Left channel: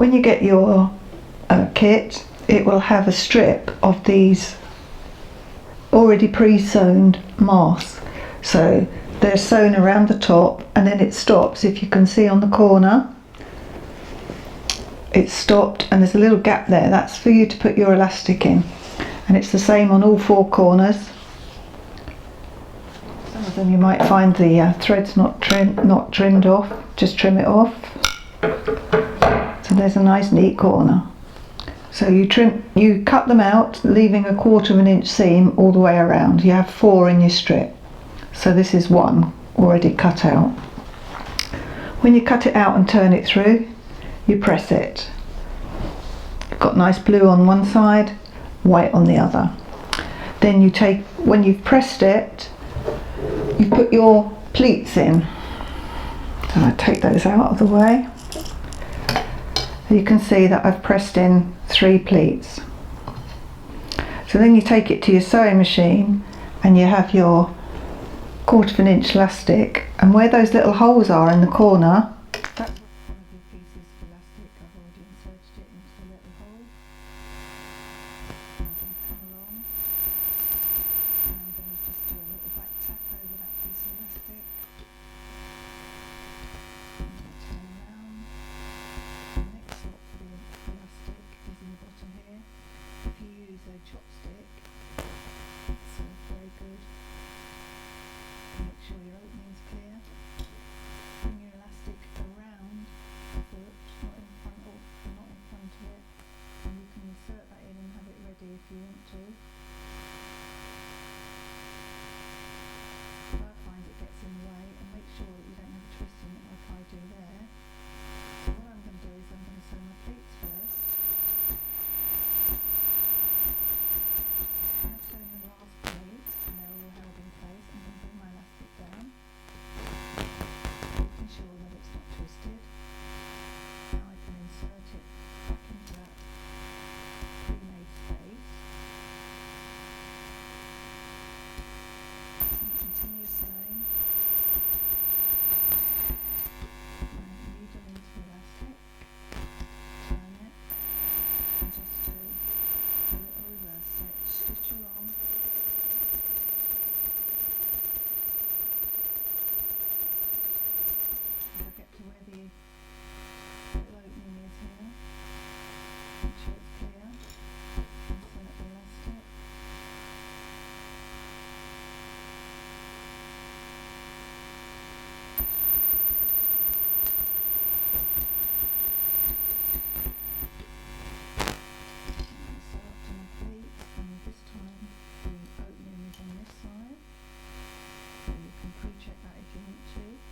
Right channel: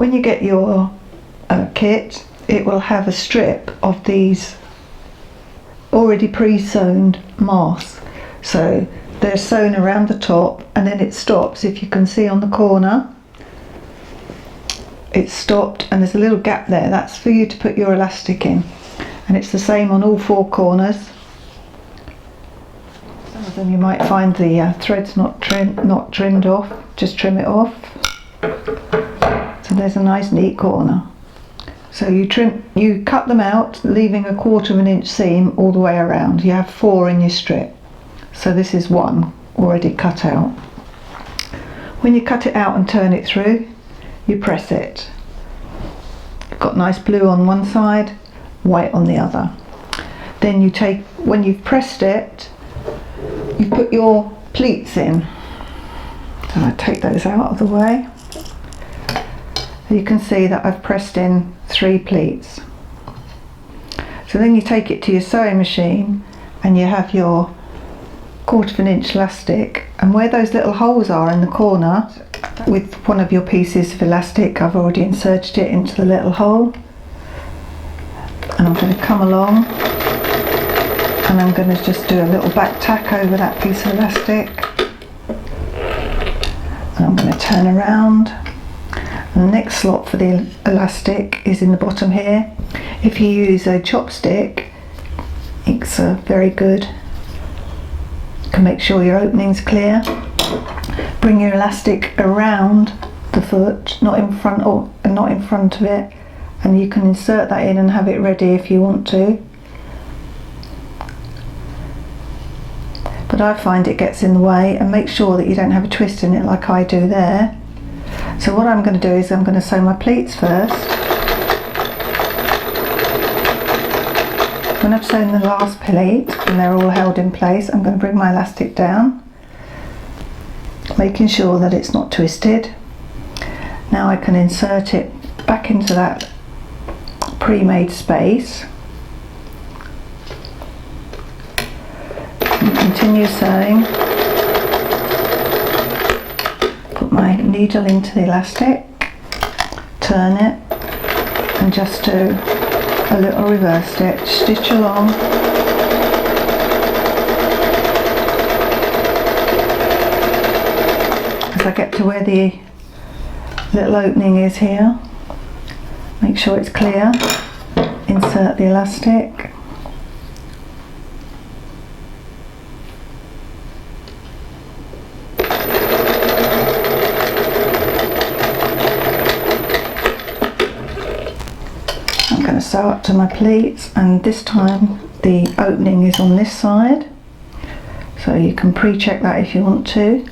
When you get your kit, it will have a strip of these already pre-sewn masks. So they're sewn around the top, and then it stops. If you can see on the corner, it's stopped and there's a little gap there. That's for you to put your elastic in, and it's the same on all four corners. Some of them you might find the threads not trimmed off. Just trim it off. So there's a nice neat corner. So you cut them out, leaving a 1/4 of an inch seam all the way around. You have 4 in your strip. So this is 1 already cut out. When you cut it out and turn it through, you press it. You've got nice blue on one side, white on the other. Then you take, when you've pressed it, you put your pleats in. So I take those out of the way. You can see that I've pressed in 3 pleats. So then you take it to your sewing machine and you have your 1/4 of an inch elastic, and where those little holes are in the corner, with one of your pieces of elastic, I've already inserted it into the little hole, and I'm going to come along and I'm going to just do a little back tack over that piece of elastic, and I'm going to turn around. And the next slot for the elastic is in the bottom here. If you use a chopstick, it's very good. You can make sure your opening's clear. Bring your elastic around the foot, not in front of it, and you can insert that in and have it ready if you want to. But I find it gets in the way, and make sure that you don't have a twist in it like I do there. So what I'm going to do is I'm going to sew my pleats first. When I've sewn the last pleat and they're all held in place, I'm going to bring my elastic down, making sure that it's not twisted. Now I can insert it back into that pre-made space and continue sewing. Put my needle into the elastic, turn it, and just do a little reverse stitch, stitch along. As I get to where the little opening is here, make sure it's clear, insert the elastic. I'm going to sew up to my pleats, and this time the opening is on this side, so you can pre-check that if you want to.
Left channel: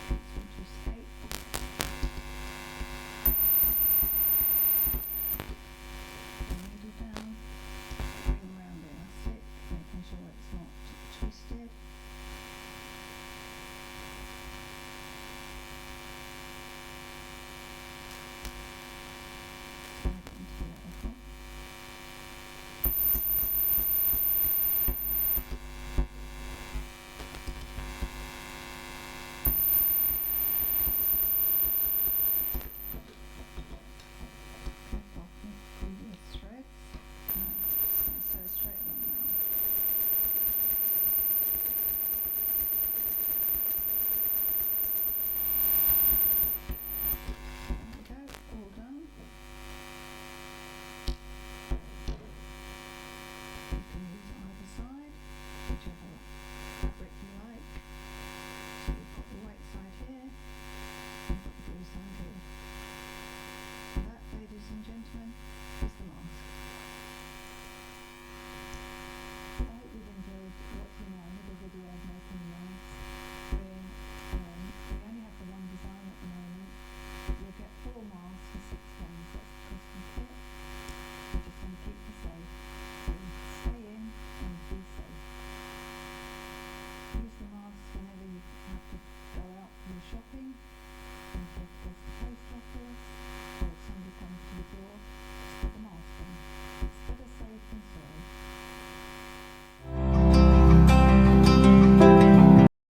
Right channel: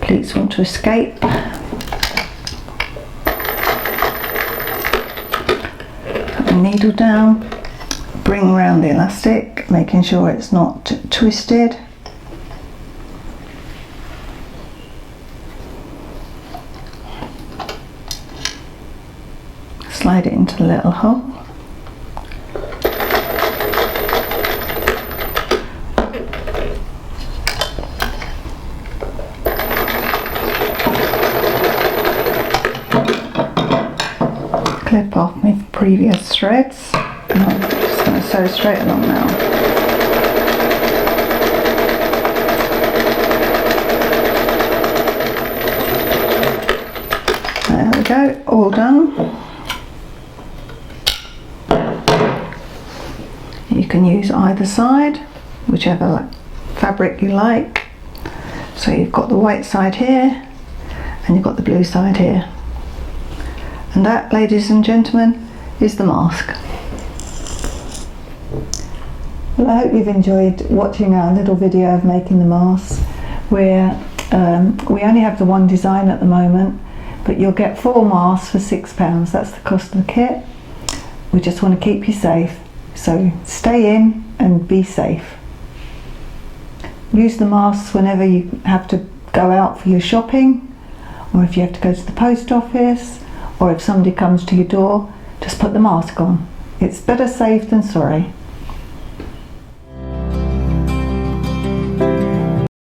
Pleats want to escape. Needle down, bring around the elastic, making sure it's not twisted. Slide it into the little hole. Clip off my previous threads, and I'm just going to sew straight along now. There we go, all done. You can use either side, whichever fabric you like. So you've got the white side here, and you've got the blue side here. And that, ladies and gentlemen, is the mask. Well, I hope you've enjoyed watching our little video of making the mask. We only have the one design at the moment, but you'll get 4 masks for £6. That's the cost of the kit. We just want to keep you safe, so stay in and be safe. Use the masks whenever you have to go out for your shopping, or if you have to go to the post office, or if somebody comes to your door, just put the mask on. It's better safe than sorry.